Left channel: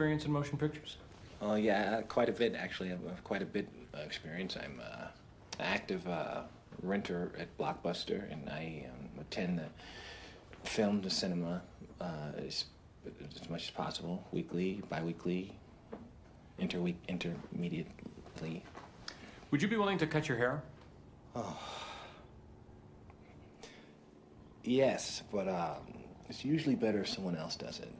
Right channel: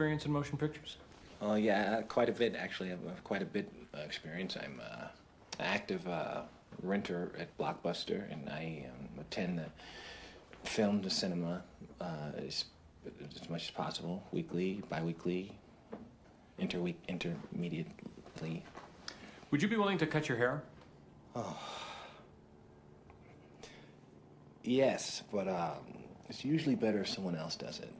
experience in motion pictures? Oh yeah, quite a bit actually. I have quite a bit experience. I'm an active renter at Blockbuster, and I attend the film, the cinema, as much as possible, weekly, bi-weekly, intermediately. Would you be willing to cut your hair? Oh. Yes, but it's usually better if someone else does it.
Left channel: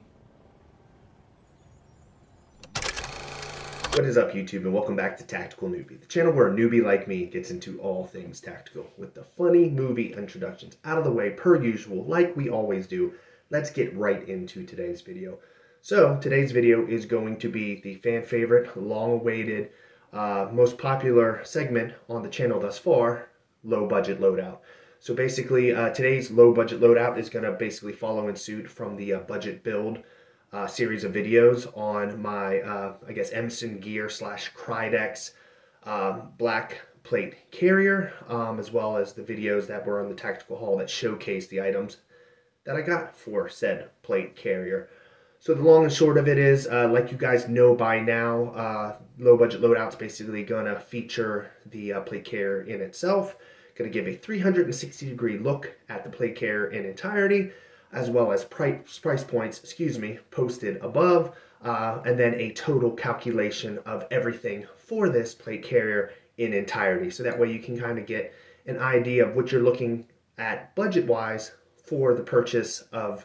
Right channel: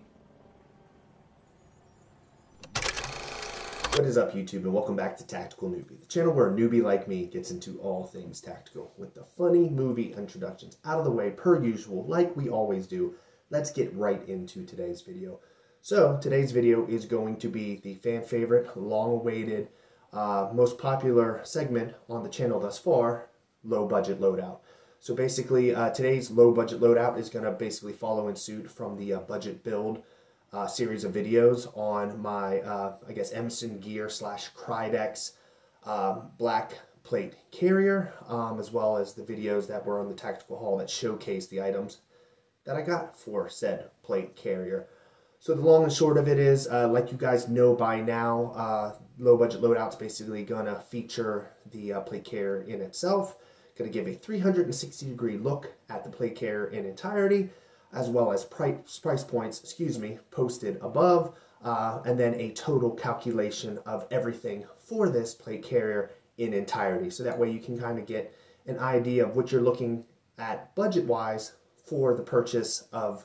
What is up, YouTube, and welcome back to Tactical Newbie, the channel where a newbie like me gets into all things tactical. With the funny movie introductions out of the way, per usual, like we always do, let's get right into today's video. So, today's video is going to be the fan favorite, long-awaited, most popular segment on the channel thus far, low budget loadout. So basically, today's low budget loadout is going to basically follow in suit from the budget build series of videos on my, I guess, Emmerson gear / Krydex black plate carrier, as well as the videos that were on the tactical haul that showcase the items that I got for said plate carrier. So the long and short of it is, like you guys know by now, low budget loadout's basically going to feature the plate carrier in itself. Going to give a 360-degree look at the plate carrier in entirety, as well as price points, posted above, and then a total calculation of everything for this plate carrier in entirety. So that way you can kind of get an idea of what you're looking at budget-wise for the purchase of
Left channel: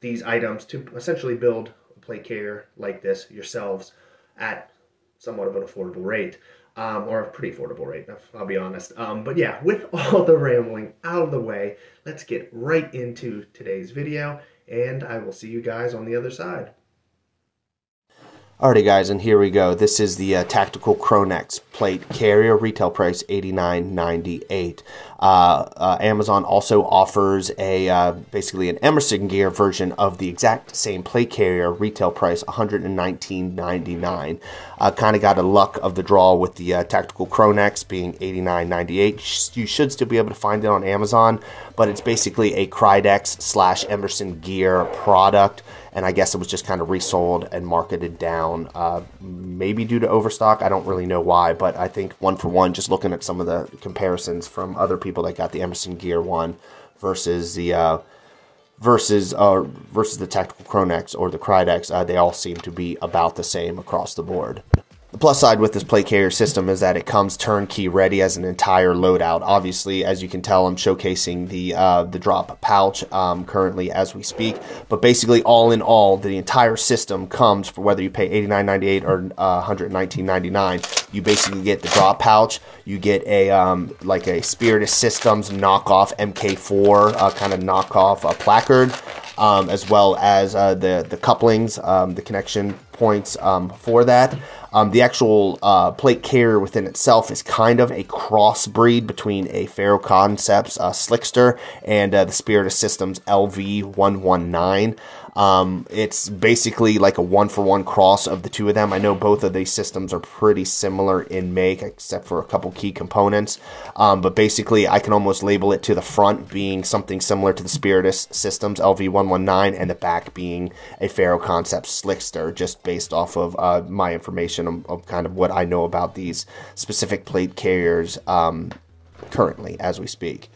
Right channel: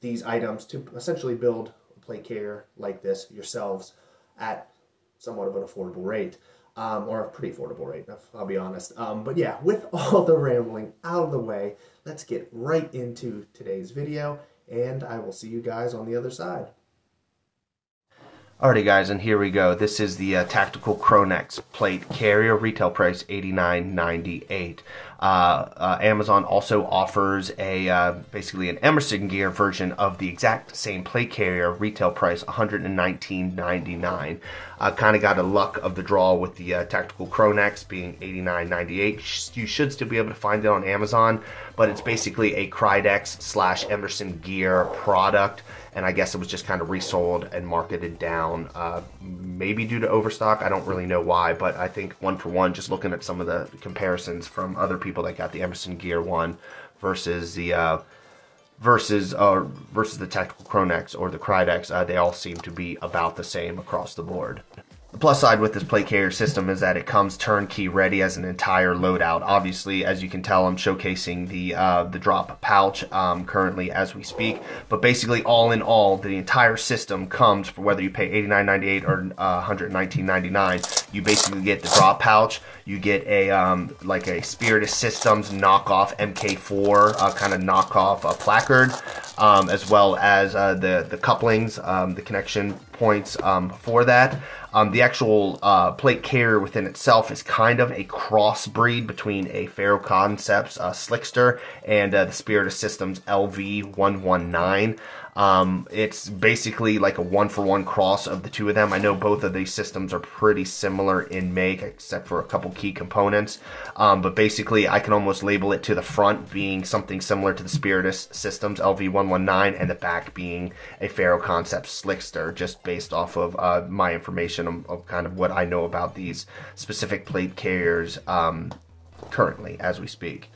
these items to essentially build a plate carrier like this yourselves at somewhat of an affordable rate. Or a pretty affordable rate, I'll be honest. But yeah, with all the rambling out of the way, let's get right into today's video, and I will see you guys on the other side. Alrighty guys, and here we go. This is the tactical Cronex plate carrier, retail price $89.98. Amazon also offers a basically an Emerson gear version of the exact same plate carrier, retail price $119.99. Kind of got a luck of the draw with the tactical Cronex being $89.98. You should still be able to find it on Amazon, but it's basically a Krydex / Emerson gear product. And I guess it was just kind of resold and marketed down, maybe due to overstock. I don't really know why, but I think one for one, just looking at some of the comparisons from other people that got the Emerson Gear one versus the versus the tactical Cronex or the Krydex, they all seem to be about the same across the board. The plus side with this plate carrier system is that it comes turnkey ready as an entire loadout. Obviously, as you can tell, I'm showcasing the drop pouch currently as we speak. But basically, all in all, the entire system comes for whether you pay $89.98 or $119.99. You basically get the drop pouch. You get a like a Spirit Systems knockoff MK4 kind of knockoff placard, as well as the couplings, the connection points for that. The actual plate carrier within itself is kind of a crossbreed between a Faro Concepts Slickster and the Spirit Systems LV119. It's basically like a one-for-one cross of the two of them. I know both of these systems are pretty similar in make, except for a couple key components. But basically, I can almost label it to the front being something similar to the Spirit Systems LV119, and the back being a Faro Concepts Slickster, just based off of my information of kind of what I know about these specific plate carriers currently as we speak.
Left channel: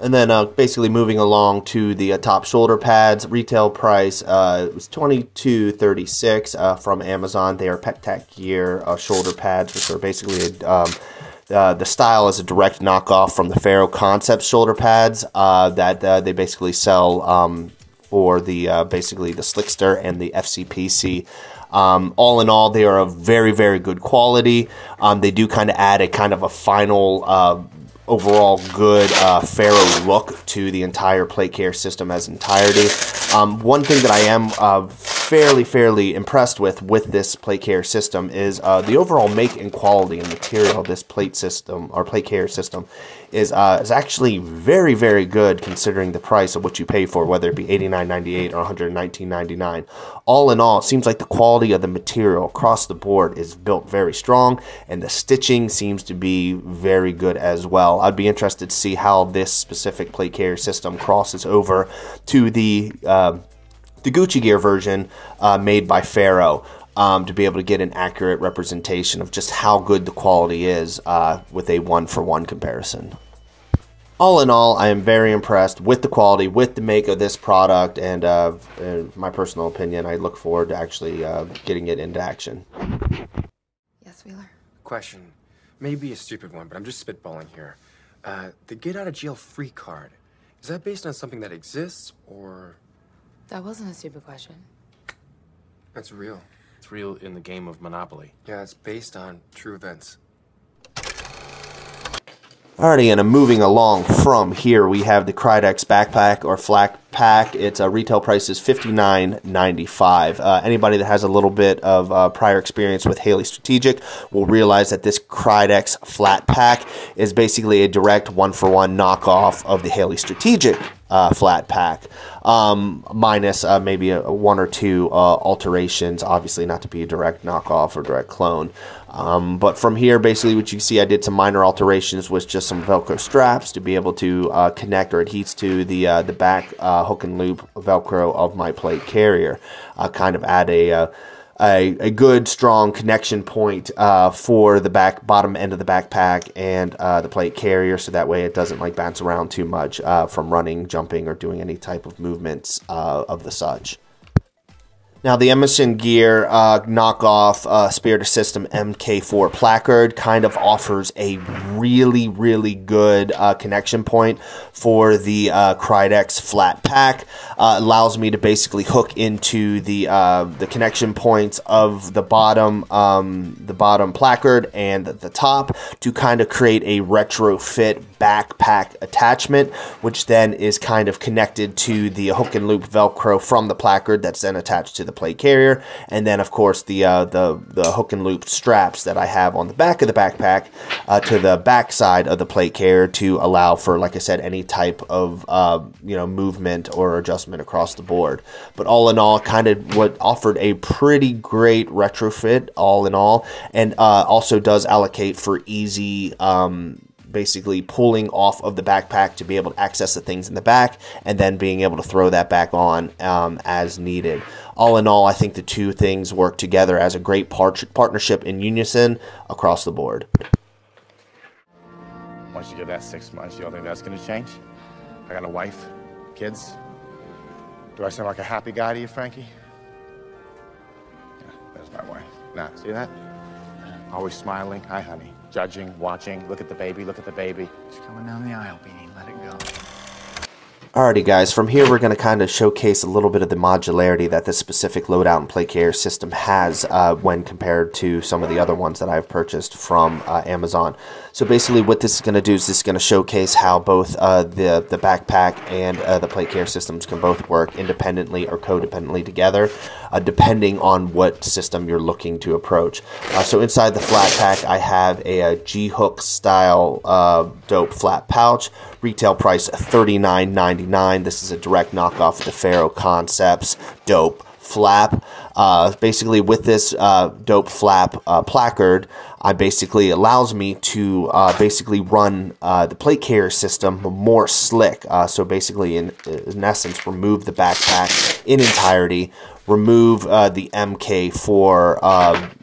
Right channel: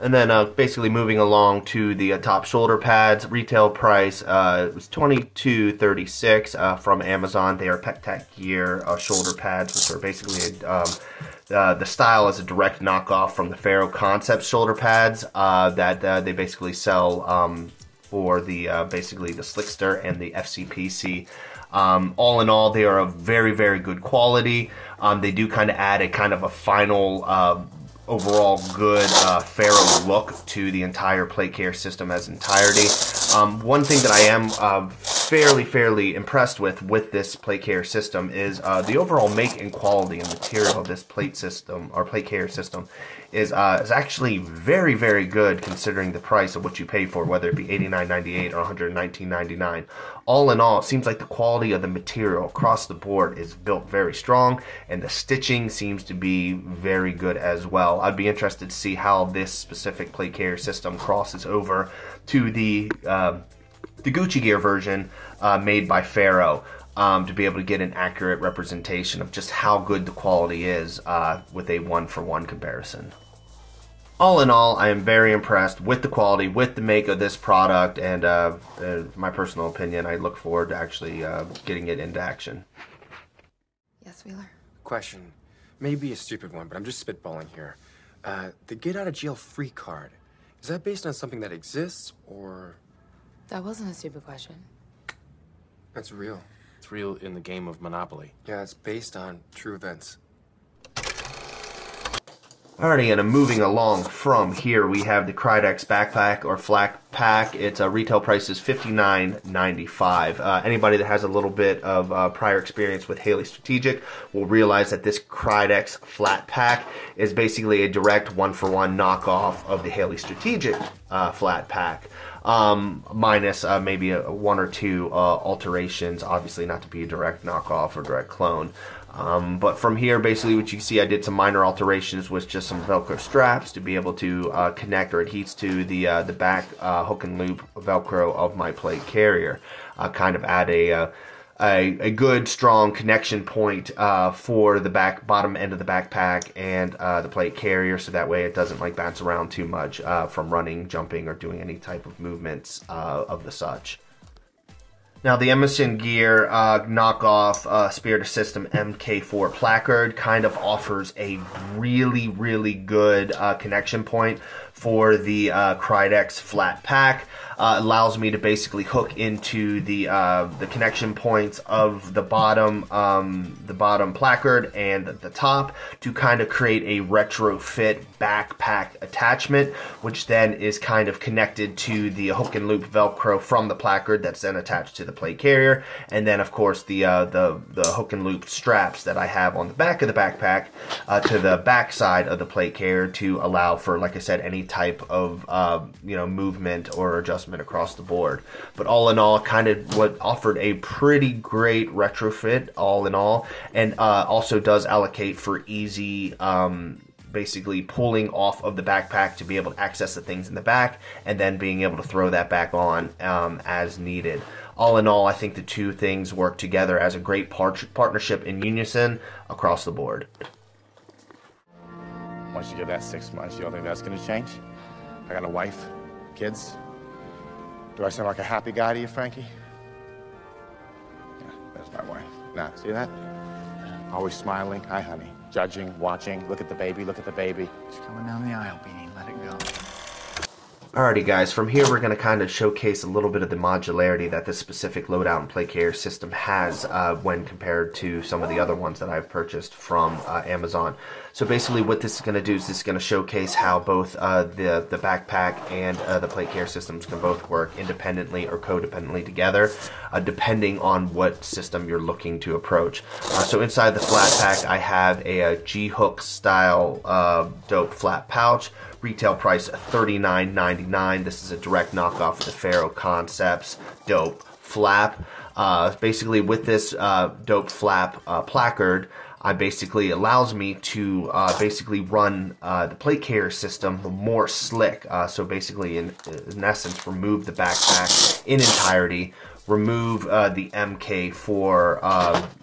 And then basically moving along to the top shoulder pads, retail price was $22.36 from Amazon. They are PETAC gear shoulder pads, which are basically the style is a direct knockoff from the Faro Concepts shoulder pads that they basically sell for the basically the Slickster and the FCPC. All in all, they are of very, very good quality. They do kind of add a kind of a final overall good Faro look to the entire plate carrier system as entirety. One thing that I am fairly impressed with this plate carrier system is the overall make and quality and material of this plate system or plate carrier system is actually very, very good considering the price of what you pay for, whether it be $89.98 or $119.99. All in all, it seems like the quality of the material across the board is built very strong, and the stitching seems to be very good as well. I'd be interested to see how this specific plate carrier system crosses over to the the Gucci Gear version made by Faro, to be able to get an accurate representation of just how good the quality is with a one-for-one comparison. All in all, I am very impressed with the quality, with the make of this product, and my personal opinion, I look forward to actually getting it into action. Yes, Wheeler? Question. Maybe a stupid one, but I'm just spitballing here. The get out of jail free card, is that based on something that exists, or? That wasn't a stupid question. That's real. It's real in the game of Monopoly. Yeah, it's based on true events. Alrighty, and moving along from here, we have the Krydex backpack or Flatpack. Its retail price is $59.95. Anybody that has a little bit of prior experience with Haley Strategic will realize that this Krydex Flatpack is basically a direct one-for-one knockoff of the Haley Strategic Flatpack. Minus maybe one or two alterations, obviously not to be a direct knockoff or direct clone. But from here, basically what you see, I did some minor alterations with just some Velcro straps to be able to connect or adheres to the back hook and loop Velcro of my plate carrier. Kind of add a good strong connection point for the bottom end of the backpack and the plate carrier, so that way it doesn't like bounce around too much from running, jumping, or doing any type of movements of the such. Now, the Emerson gear knockoff Spirit System MK4 placard kind of offers a really, really good connection point for the Krydex Flatpack. Allows me to basically hook into the connection points of the bottom placard and the top to kind of create a retrofit backpack attachment, which then is kind of connected to the hook and loop Velcro from the placard that's then attached to the plate carrier, and then of course the hook and loop straps that I have on the back of the backpack to the back side of the plate carrier to allow for, like I said, any type of movement or adjustment across the board. But all in all, kind of what offered a pretty great retrofit all in all, and also does allocate for easy basically pulling off of the backpack to be able to access the things in the back and then being able to throw that back on as needed. All in all, I think the two things work together as a great partnership in unison across the board. Once you give that 6 months, you don't think that's going to change? I got a wife, kids. Do I sound like a happy guy to you, Frankie? Yeah, there's my wife. Now, see that? Always smiling. Hi, honey. Judging, watching. Look at the baby. Look at the baby. She's coming down the aisle, Beanie. Let it go. Alrighty guys, from here we're going to kind of showcase a little bit of the modularity that this specific loadout and plate carrier system has when compared to some of the other ones that I've purchased from Amazon. So basically what this is going to do is this is going to showcase how both the backpack and the plate carrier systems can both work independently or codependently together, depending on what system you're looking to approach. So inside the flat pack I have a G-hook style dope flat pouch. Retail price $39.99. This is a direct knockoff of the Faro Concepts dope flap. Basically with this dope flap placard, basically allows me to basically run the plate carrier system more slick. So basically in essence remove the backpack in entirety, remove the MK4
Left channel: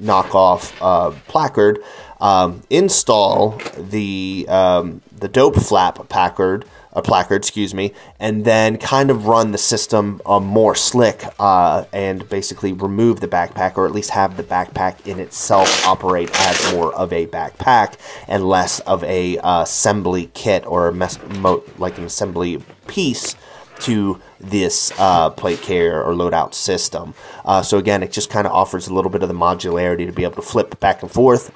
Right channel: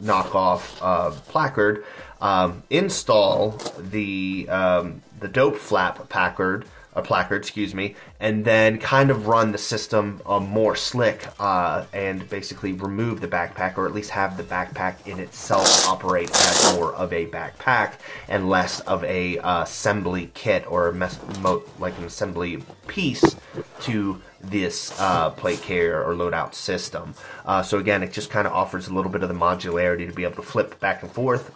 knockoff placard, install the dope flap placard, excuse me, and then kind of run the system more slick and basically remove the backpack, or at least have the backpack in itself operate as more of a backpack and less of a assembly kit or like an assembly piece to this plate carrier or loadout system. So again, it just kind of offers a little bit of the modularity to be able to flip back and forth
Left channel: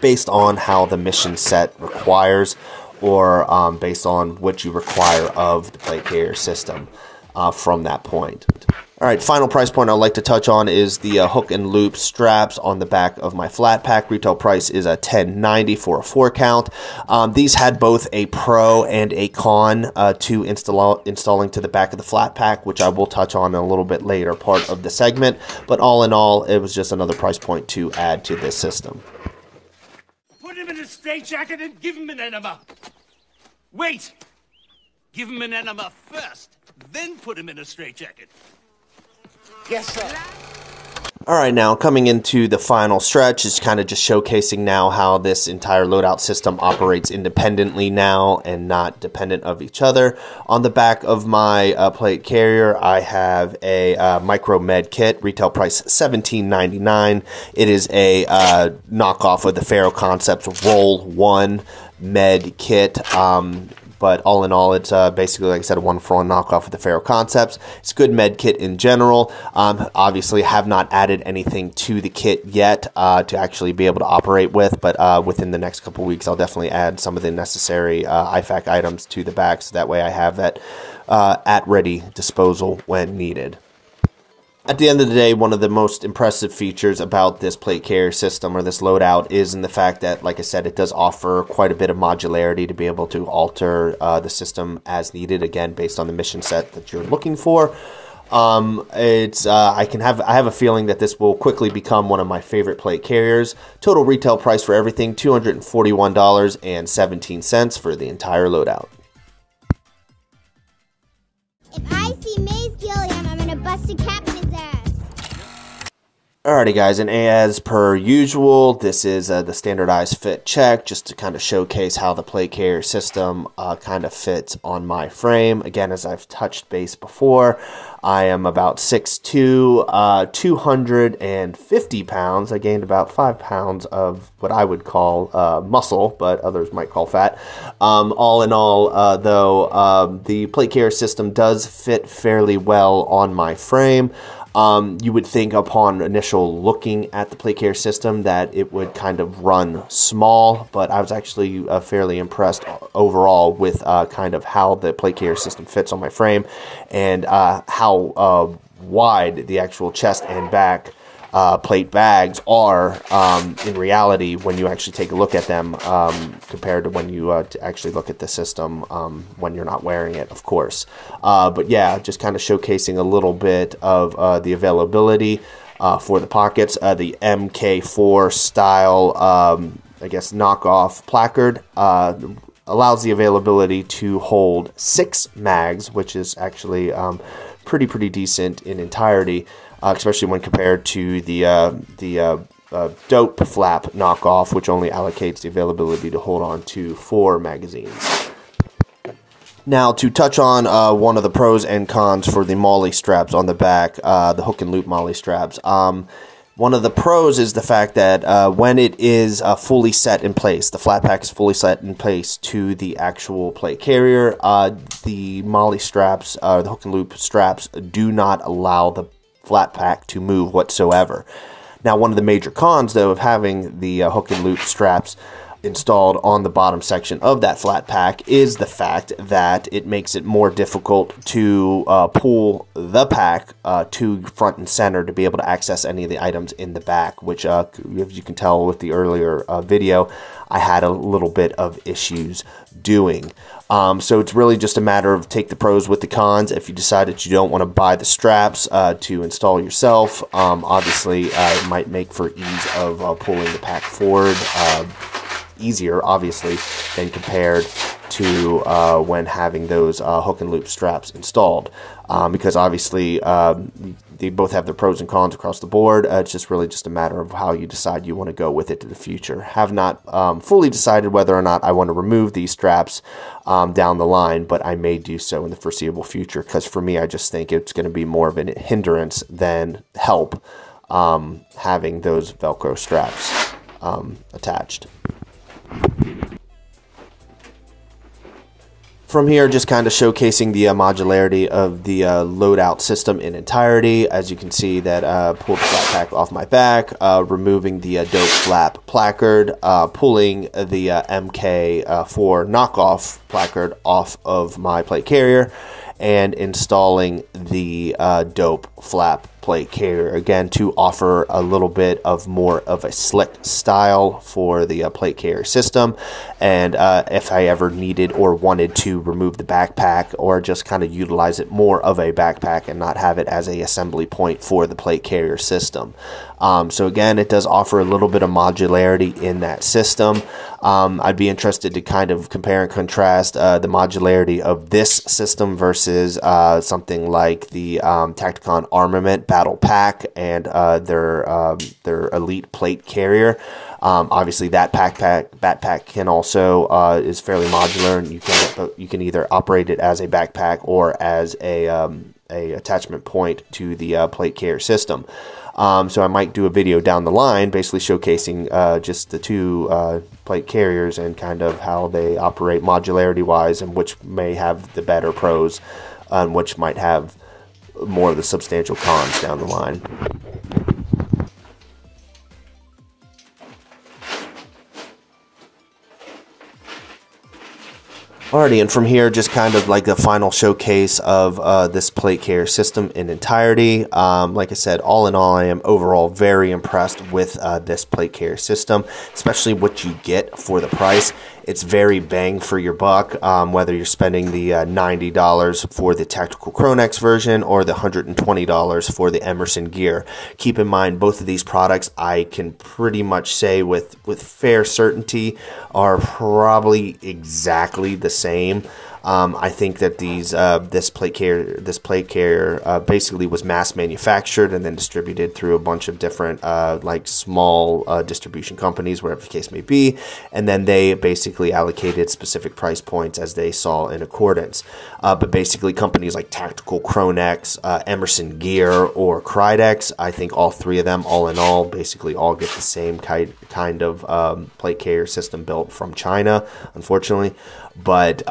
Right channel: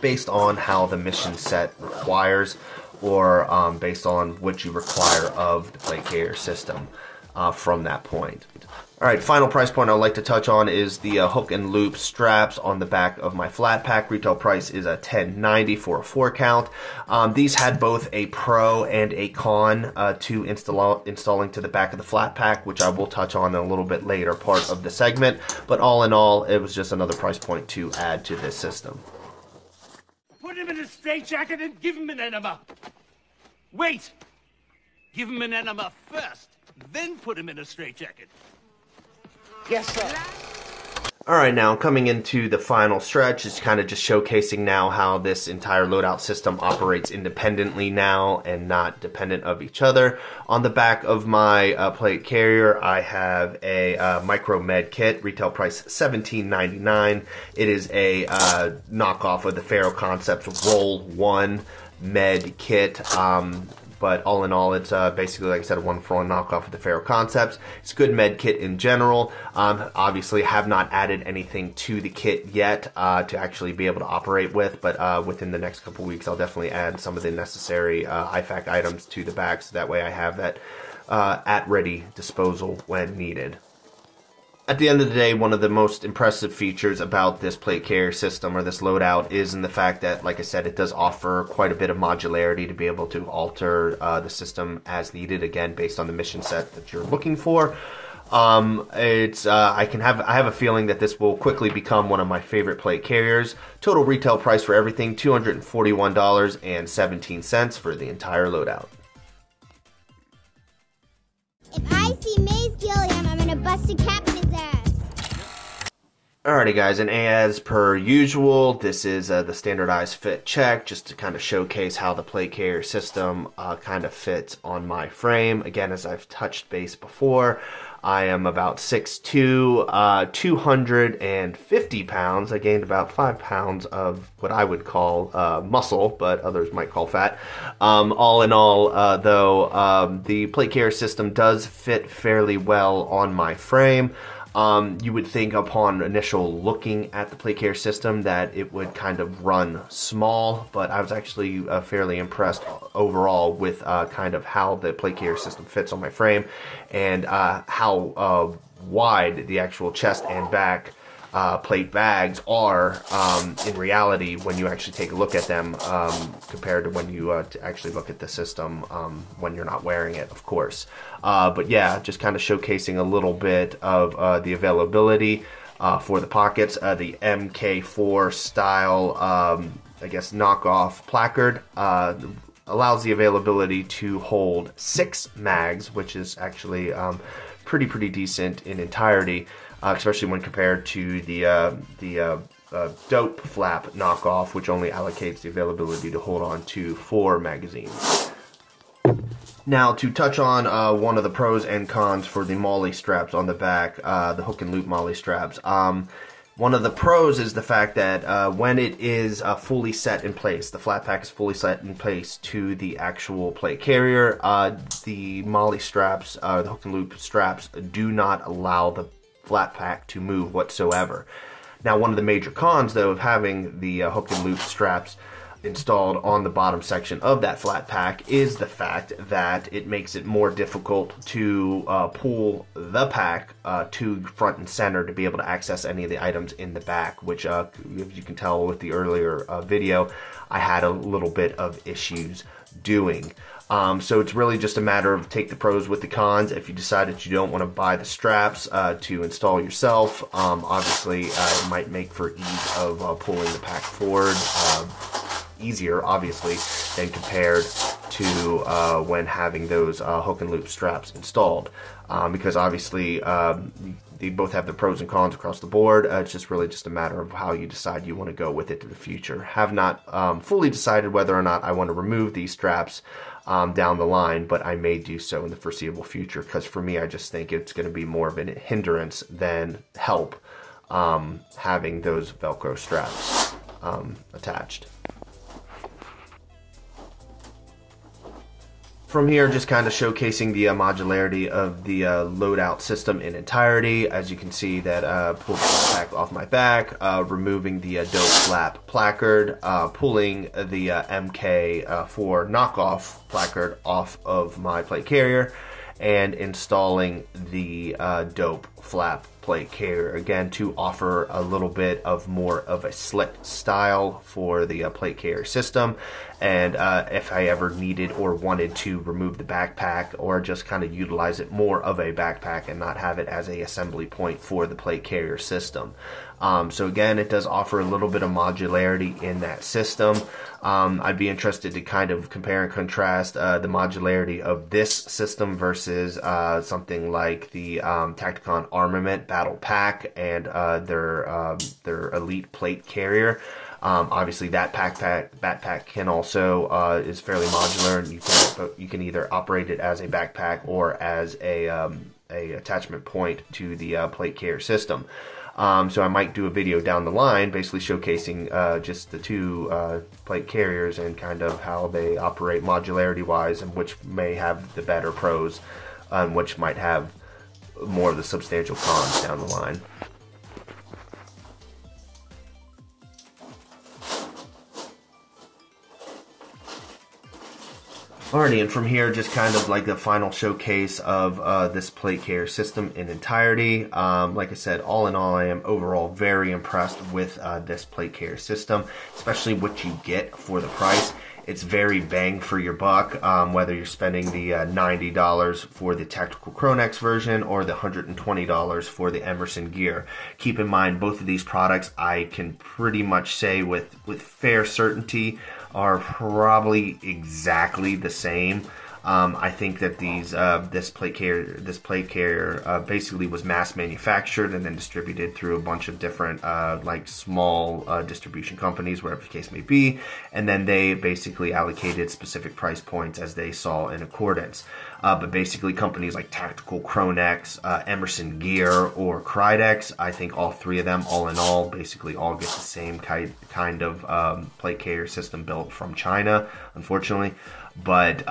based on how the mission set requires, or based on what you require of the plate carrier system from that point. Alright, final price point I'd like to touch on is the hook and loop straps on the back of my flat pack. Retail price is $10.90 for a 4-count. These had both a pro and a con to installing to the back of the flat pack, which I will touch on in a little bit later part of the segment. But all in all, it was just another price point to add to this system. Put him in a straitjacket and give him an enema. Wait! Give him an enema first, then put him in a straitjacket. Yes, sir. All right, now coming into the final stretch is kind of just showcasing now how this entire loadout system operates independently now and not dependent of each other. On the back of my plate carrier, I have a micro med kit, retail price $17.99. It is a knockoff of the Faro Concepts Roll 1 med kit. But all in all, it's basically, like I said, a one-for-one knockoff of the Faro Concepts. It's a good med kit in general. Obviously, have not added anything to the kit yet to actually be able to operate with, but within the next couple weeks, I'll definitely add some of the necessary IFAC items to the back, so that way I have that at ready disposal when needed. At the end of the day, one of the most impressive features about this plate carrier system or this loadout is in the fact that, like I said, it does offer quite a bit of modularity to be able to alter the system as needed, again, based on the mission set that you're looking for. I have a feeling that this will quickly become one of my favorite plate carriers. Total retail price for everything, $241.17 for the entire loadout. If I see Maze Gilliam, I'm gonna bust a cap in his ass. Alrighty guys, and as per usual, this is the standardized fit check, just to kind of showcase how the plate carrier system kind of fits on my frame. Again, as I've touched base before, I am about 6'2", 250 pounds. I gained about 5 pounds of what I would call muscle, but others might call fat. All in all, though, the plate carrier system does fit fairly well on my frame. You would think upon initial looking at the plate carrier system that it would kind of run small, but I was actually fairly impressed overall with kind of how the plate carrier system fits on my frame and how wide the actual chest and back plate bags are in reality when you actually take a look at them compared to when you actually look at the system when you're not wearing it, of course. But yeah, just kind of showcasing a little bit of the availability for the pockets. The MK4 style, I guess, knockoff placard allows the availability to hold 6 mags, which is actually pretty decent in entirety. Especially when compared to the dope flap knockoff, which only allocates the availability to hold on to 4 magazines. Now, to touch on one of the pros and cons for the MOLLE straps on the back, the hook and loop MOLLE straps. One of the pros is the fact that when it is fully set in place, the Flatpack is fully set in place to the actual plate carrier, the MOLLE straps, the hook and loop straps, do not allow the Flatpack to move whatsoever. Now, one of the major cons, though, of having the hook and loop straps installed on the bottom section of that Flatpack is the fact that it makes it more difficult to pull the pack to front and center to be able to access any of the items in the back, which, as you can tell with the earlier video, I had a little bit of issues doing. So it's really just a matter of take the pros with the cons. If you decide that you don't want to buy the straps to install yourself, obviously it might make for ease of pulling the pack forward easier, obviously, than compared to when having those hook and loop straps installed. Because obviously they both have their pros and cons across the board. It's just really just a matter of how you decide you want to go with it to the future. Have not fully decided whether or not I want to remove these straps down the line, but I may do so in the foreseeable future, because for me, I just think it's going to be more of a hindrance than help having those Velcro straps attached. From here, just kind of showcasing the modularity of the loadout system in entirety. As you can see, that pulled the pack off my back, removing the dope flap placard, pulling the MK4 knockoff placard off of my plate carrier, and installing the dope flap plate carrier, again to offer a little bit of more of a slick style for the plate carrier system. And if I ever needed or wanted to remove the backpack or just kind of utilize it more of a backpack and not have it as a assembly point for the plate carrier system. So again, it does offer a little bit of modularity in that system. I'd be interested to kind of compare and contrast the modularity of this system versus something like the Tacticon Armament Battle Pack and their Elite Plate Carrier. Obviously, that backpack can also is fairly modular, and you can either operate it as a backpack or as a attachment point to the plate carrier system. So I might do a video down the line basically showcasing just the two plate carriers and kind of how they operate modularity wise, and which may have the better pros and which might have more of the substantial cons down the line. Alrighty, and from here, just kind of like the final showcase of this plate carrier system in entirety. Like I said, all in all, I am overall very impressed with this plate carrier system, especially what you get for the price. It's very bang for your buck, whether you're spending the $90 for the tactical Cronex version or the $120 for the Emerson gear. Keep in mind, both of these products, I can pretty much say with fair certainty, are probably exactly the same. I think that this plate carrier basically was mass manufactured and then distributed through a bunch of different like small distribution companies, wherever the case may be, and then they basically allocated specific price points as they saw in accordance. But basically, companies like Tactical Cronex, Emerson Gear, or Krydex, I think all three of them, all in all, basically all get the same kind of plate carrier system built from China, unfortunately. But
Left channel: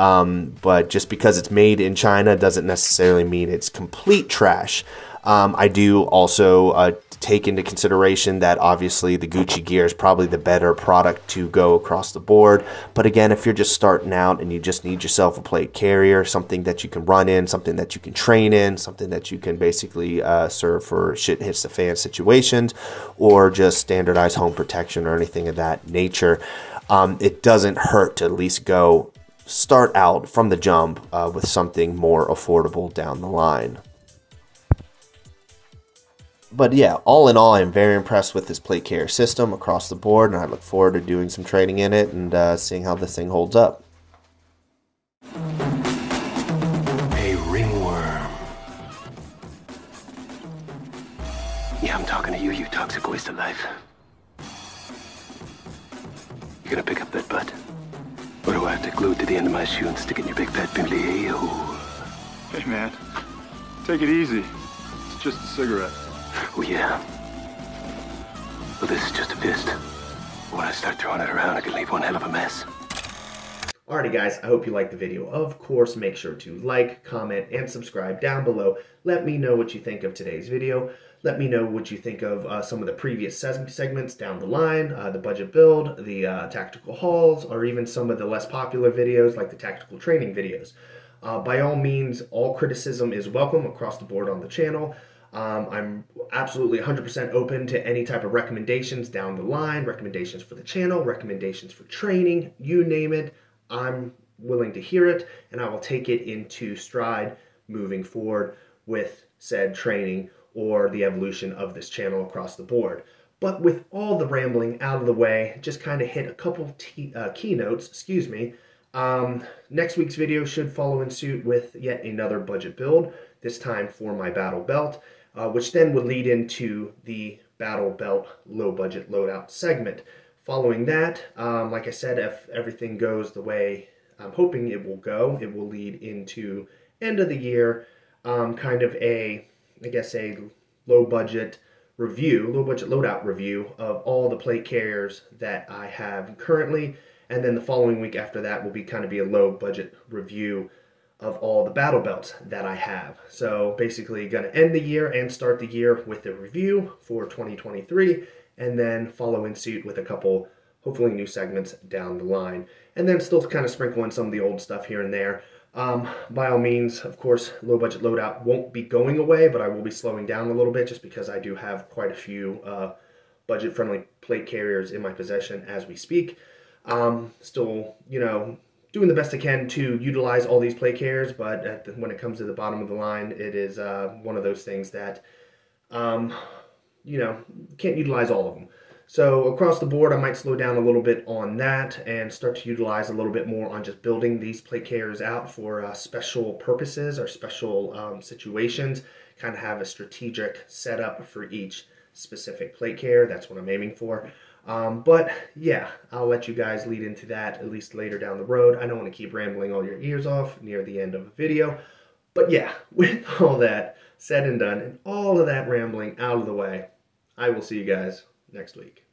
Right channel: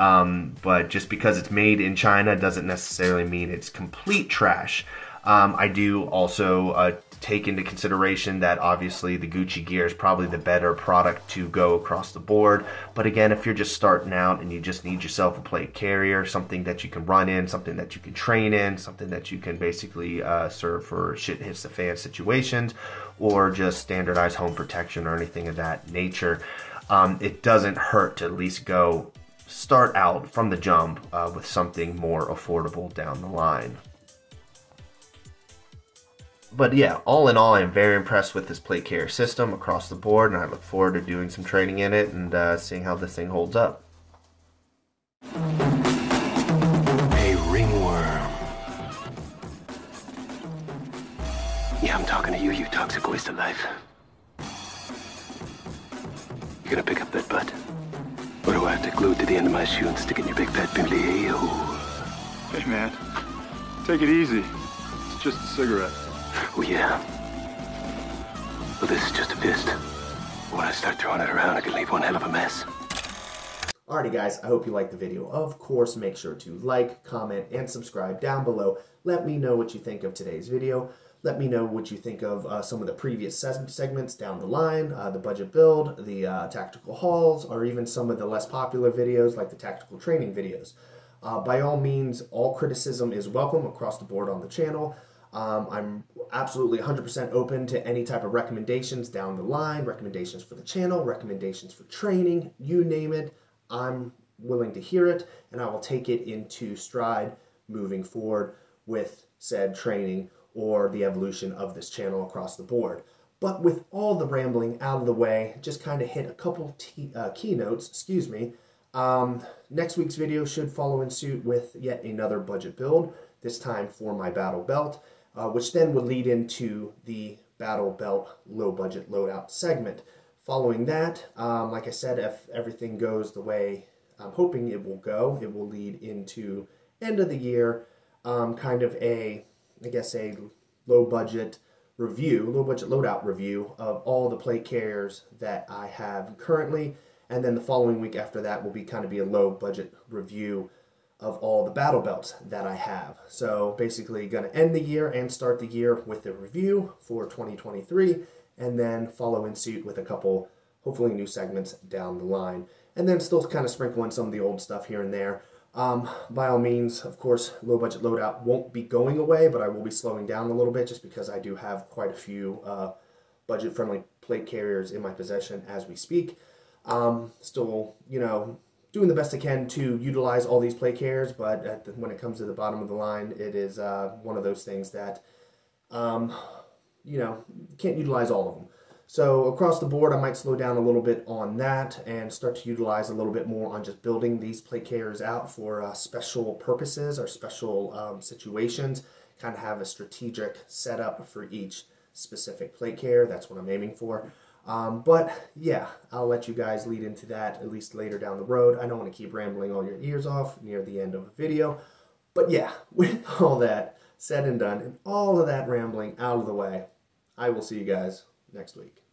just because it's made in China doesn't necessarily mean it's complete trash. I do also take into consideration that obviously the Gucci gear is probably the better product to go across the board. But again, if you're just starting out and you just need yourself a plate carrier, something that you can run in, something that you can train in, something that you can basically serve for shit hits the fan situations, or just standardized home protection or anything of that nature, it doesn't hurt to at least start out from the jump with something more affordable down the line. But yeah, all in all, I'm very impressed with this plate carrier system across the board, and I look forward to doing some training in it and seeing how this thing holds up. A ringworm. Yeah, I'm talking to you, you toxic waste of life. You gonna pick up that butt? Or do I have to glue it to the end of my shoe and stick it in your big fat pimply a-hole? Hey, man. Take it easy. It's just a cigarette. Oh, yeah. Well, this is just a fist. When I start throwing it around, I can leave one hell of a mess. Alrighty guys, I hope you liked the video. Of course, make sure to like, comment, and subscribe down below. Let me know what you think of today's video. Let me know what you think of some of the previous segments down the line, the budget build, the tactical hauls, or even some of the less popular videos like the tactical training videos. By all means, all criticism is welcome across the board on the channel. I'm absolutely 100% open to any type of recommendations down the line, recommendations for the channel, recommendations for training, you name it. I'm willing to hear it, and I will take it into stride moving forward with said training or the evolution of this channel across the board. But with all the rambling out of the way, just kind of hit a couple keynotes, excuse me. Next week's video should follow in suit with yet another budget build, this time for my battle belt, which then would lead into the battle belt low budget loadout segment. Following that, like I said, if everything goes the way I'm hoping it will go, it will lead into end of the year, kind of a, I guess, a low budget loadout review of all the plate carriers that I have currently, and then the following week after that will be kind of a low budget review of all the battle belts that I have. So basically going to end the year and start the year with a review for 2023, and then follow in suit with a couple hopefully new segments down the line, and then still kind of sprinkle in some of the old stuff here and there. By all means, of course, low budget loadout won't be going away, but I will be slowing down a little bit just because I do have quite a few budget friendly plate carriers in my possession as we speak. Still, you know, doing the best I can to utilize all these plate carriers, but when it comes to the bottom of the line, it is one of those things that you know, can't utilize all of them. So across the board, I might slow down a little bit on that and start to utilize a little bit more on just building these plate carriers out for special purposes or special situations. Kind of have a strategic setup for each specific plate carrier. That's what I'm aiming for. But yeah, I'll let you guys lead into that at least later down the road. I don't want to keep rambling all your ears off near the end of the video. But yeah, with all that said and done and all of that rambling out of the way, I will see you guys next week.